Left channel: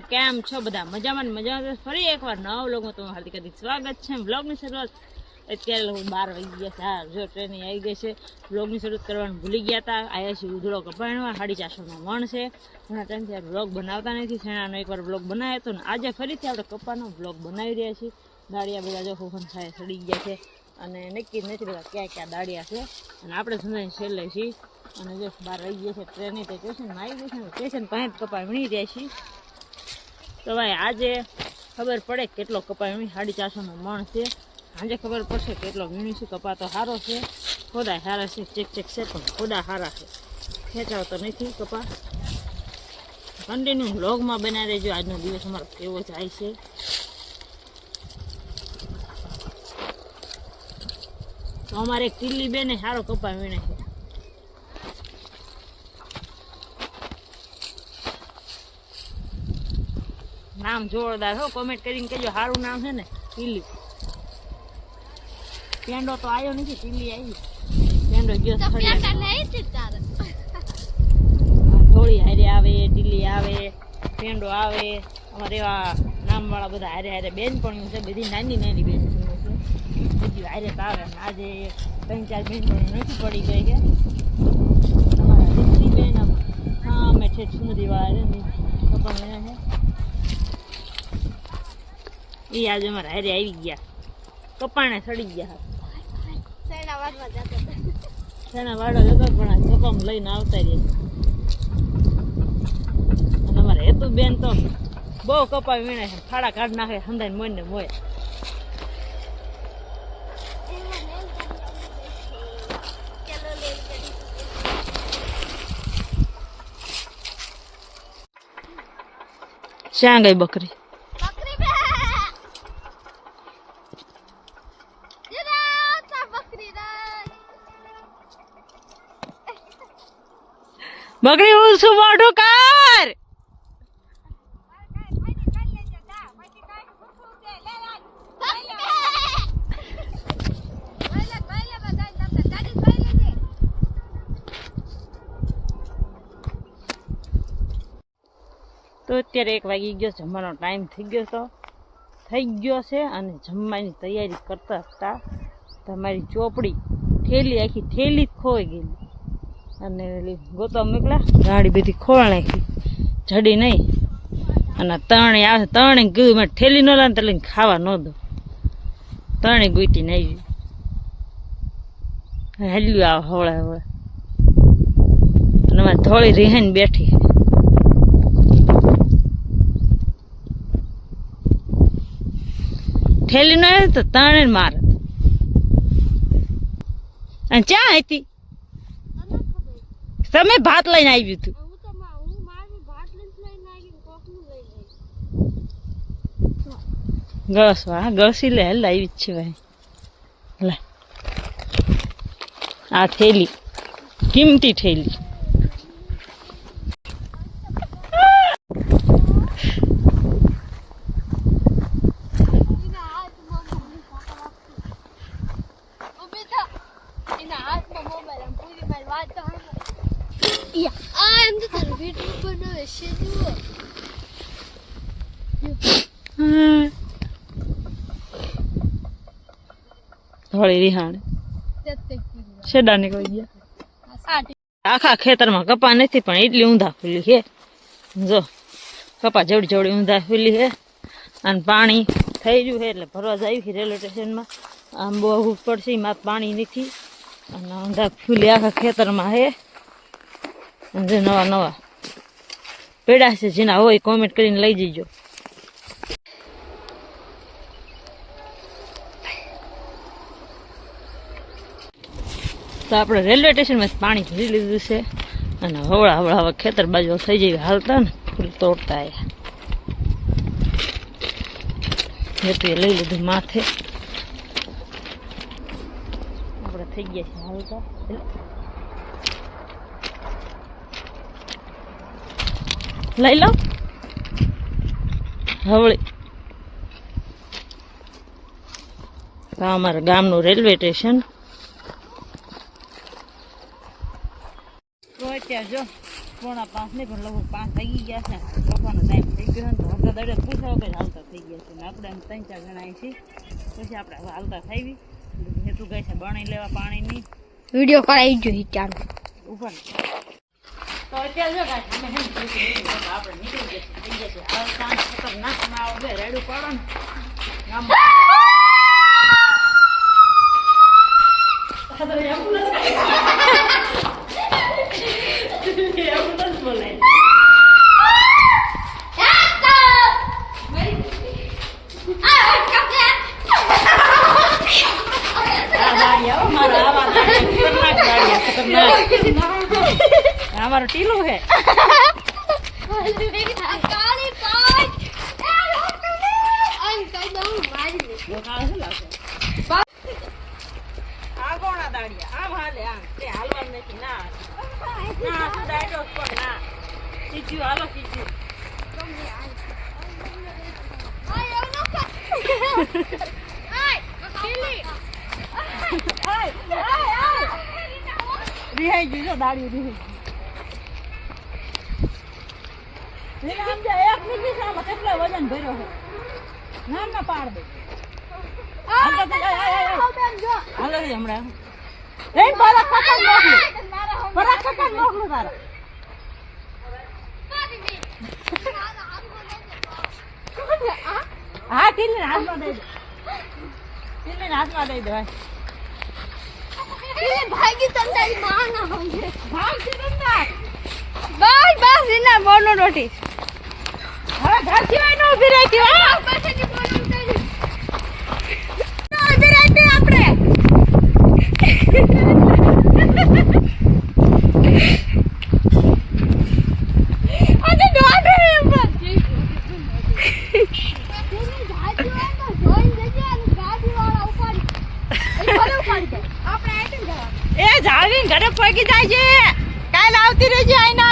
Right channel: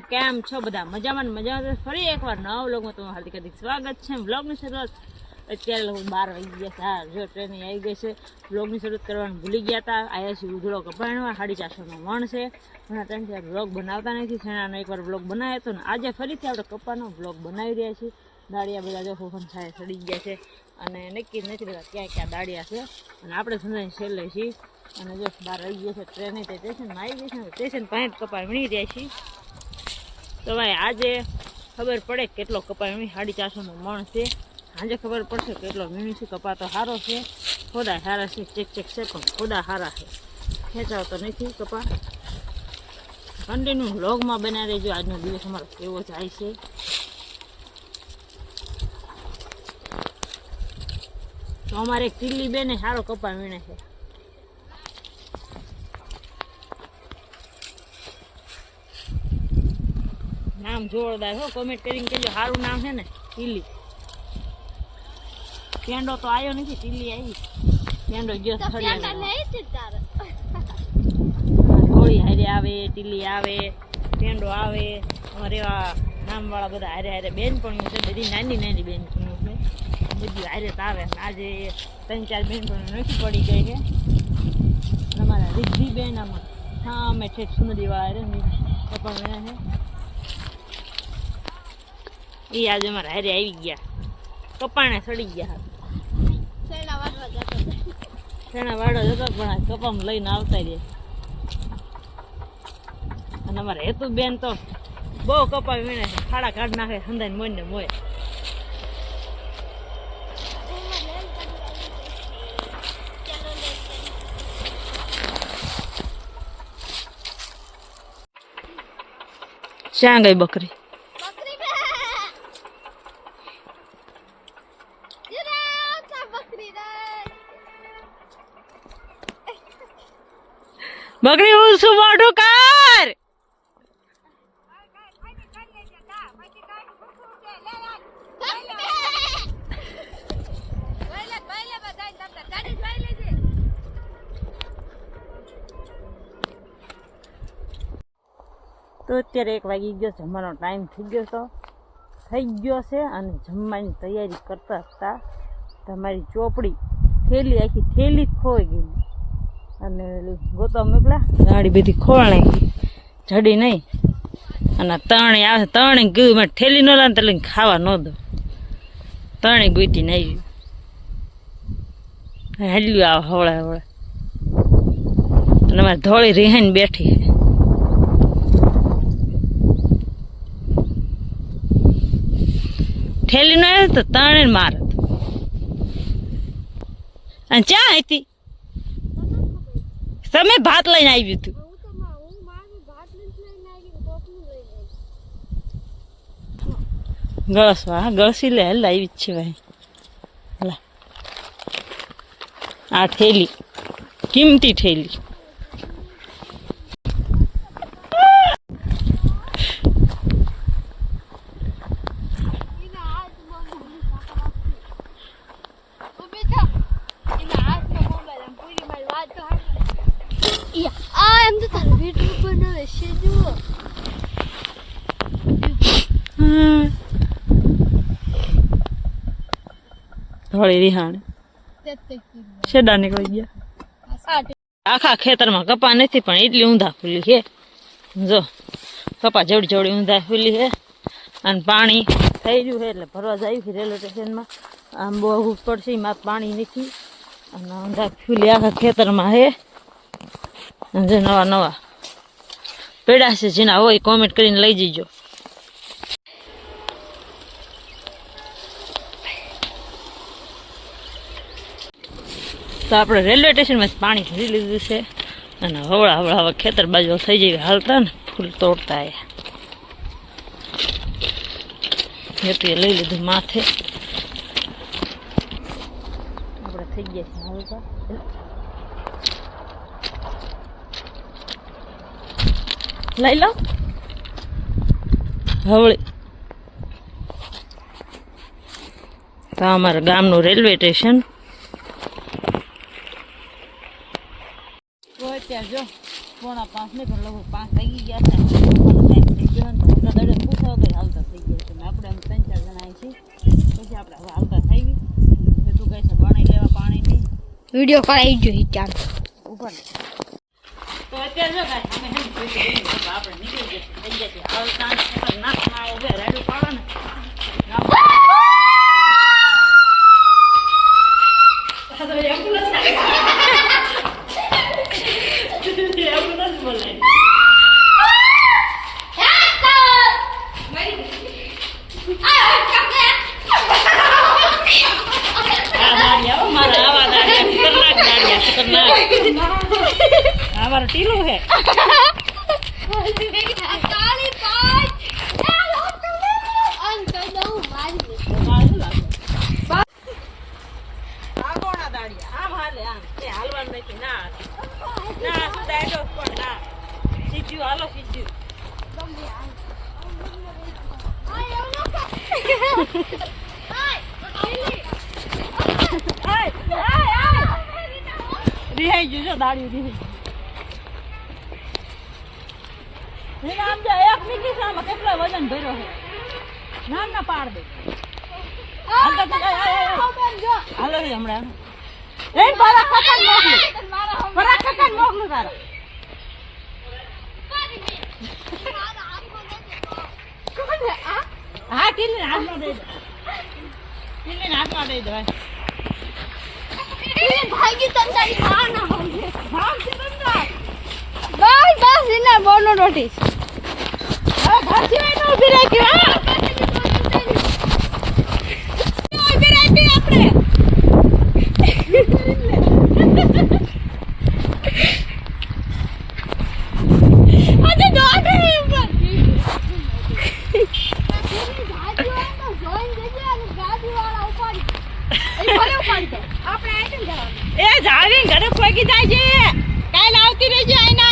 કેમ છો બધા? મજામાં ફરી એકવાર નવા વ્લોગમાં તમારું હાર્દિક સ્વાગત છે. વ્લોગની શરૂઆત અત્યારે લોકો 12 વાગી ગયા છે. હા, જો ટ્રેન આવી ગઈ છે. વ્લોગની શરૂઆત કરવાનું ભૂલી ગયા હતા. આવ્યા છીએ ઉધડો કપાણમાં, 450નો મણ છે. ઘણા ટાઈમથી આપણે વ્લોગ બનાવતા નથી. શેણાનો એકવાર વ્લોગ બનાવ્યો હતો ને આજે ફરીથી આપણે કપાનો વ્લોગ બનાવી રહ્યા છીએ. દાળિયા બધા જો ફોફન સાથે સડી ગયા છે અને નક્કી નથી રહેતા ક્યાં ક્યાં દાળિયા છે. અને આપણે ધંધાની છેલ્લે છીએ અને જો 12 વાગી ગયા છે. ટ્રેન સ્ટેશનમાં આવી ગઈ છે. સ્ટેશન પાંચ કપા વીણી રહ્યા છીએ. તો ભાઈ આજે ખબર પડે કેટલો કપા વીણી, 450નો મણ છે. આજે ખબર પડશે કેટલો વીણી છે. કપા તો સારો છે, ખોદા સારા છે, ચેક છે પણ ખોદા સારા છે. ખેંચાવ તો નથી કપા. કન્ટિન્યુ વ્લોગમાં બનાવી રહેજો. આજનો દિવસ અમારો કેવો જાય છે. તો અમારે એક ટીલી બેને સારો કપા વીણે છે. નામ જોરદાર હો, કોમેન્ટ કરીને કહેજો સારું નામ છે ને ટીલી. પેંડો તો આવ્યો નથી, ટીલી આવી. પેંડો ગયો થોડી હારે આવે, ટીલી આવે, પેંડો આવે. અમારે એવા નામવાળા બધા હારે હારે બેનપણીઓ છે, બધી નાની નાની બેનપણીઓ છે. બધી હારે આવે. આજે 3-4 બેનપણીઓ નથી પડી ગઈ છે. તમારા રીતિ બેન આમાં હા અમે ઠેઠ સુમદીવાળા છે કપા છે એ આજે અમારા હારે આવી ગયા. કપાણે સડી ગયા. શેણા વાડો જતો પણ આ કપામાં લઈને આવતા રહ્યા. અને અમારે હેતુ બેન તો બહુ કપા વીણે છે. ખાડા કાઢ નાખે હંધાઈને મોય ને મોય. શ્યાં ગઈ બકરી? બકરી હું શું મોઢું કર. તો અત્યારે 1 વાગી ગયો. જમવાનો ટાઈમ થઈ ગયો છે અને જમવાની તૈયારી કરતા હતા. તમારી ચોપડી થેલી આખી થેલી જ ખોઈ ગયેલી અને ગોતવા મોકલા. ગાડી બધી ખોળ નાખી, જડી નહીં. અને તણી આવે, તણી ગયું મેં થેલી ન લાવે તો લઈને ખાવા ન દો. તણી ગોઈતી નહીં હાલ્યું આવે હવળે હવળે. અને અમારે ધોળી રીહાઈને બેઠી. થેલી ન આવે તો તણે મારે. અને ચા હતી તમે ભાત લઈને આવ્યું હતું. ગળસવા ગળસી લે લાવી જ છે ભાઈ. લે આ થેલી કિંમતી થેલી. થોડી રિહાણ શેડા નીકળી ગયા. આખા ખેતરમાં કપા નથી પણ એટલી ઊંધા ફૂલી છે. જો કપા જવડી જવડી ઊંધા ફૂલી છે. અને પાણી થઈ ગયું છે એટલે ભરવા જાય છે રેલવે સ્ટેશનમાં. આમ બહુ પડશે એમાં પાણી નથી અને ઊંધા ફૂલી આખા ખેતરમાં છે. જે નવા નવા પેડા છે જેના હોય કોમેન્ટ કરીને લઈ જજો. તો આપણે રેલવે સ્ટેશનમાં પાણી ભરી લીધું છે અને હવળા હવળા હવે ખેતર બાજુ થઈ જાય હાલતા ને ફૂલ તોડતા આવ્યા. હેતુએ લઈ લીધું માથે. આપણે થઈ ગયા છે હાલતા. લઈ લો હવળી. તો અમારા ગામનું રેલવે સ્ટેશન. તો અત્યારે જો 4:45 ને પણ લગભગ 5 વાગી ગયા છે. ટાઈમ થઈ ગયો ને તો કઈ હાલતા થઈ ગયા છે ને આપણે આમ 3-4 જણા અહીં છીએ પછી આપણે હવે હાલતા થઈ હેતુ કહે છે પાણી લેવા પાણીની વિડિયો કરાવી જોઈએ ચાલ ઉપર તો અત્યારે જો ગાય અમે આપણે નીકળી જશે થઈ ગયા છે હવે સાંજ ખતરનાક ના આવે રાડું પાડો ને બોલાય हमारा टीलो है रिहाई जो दाढ़ी रिहाई नाम जो एक निकली सामा કેટલો વજન ભર્યો છે નામ ના પાડ દે હાલો તો હાલો રે હમણાં એ મારા ખતન મોકલું મારા ખતન મોકલું તારા હા ટીલી હાથમાં દે ટીલી હાથમાં દે દે ભાગી તંદારી મારનો હોય ભાગ છે તંદાર બસ ઇના બોનો નોટિસ હવે ઘર સિવાય નો ઉભી રહી ગયો પાસેની બોનો નોટિસ ઉભી રહી આપણે અરે દોડે પર એ જાવી ઘરે પગી જાય છે કાલ આવતી રહેજે આઈના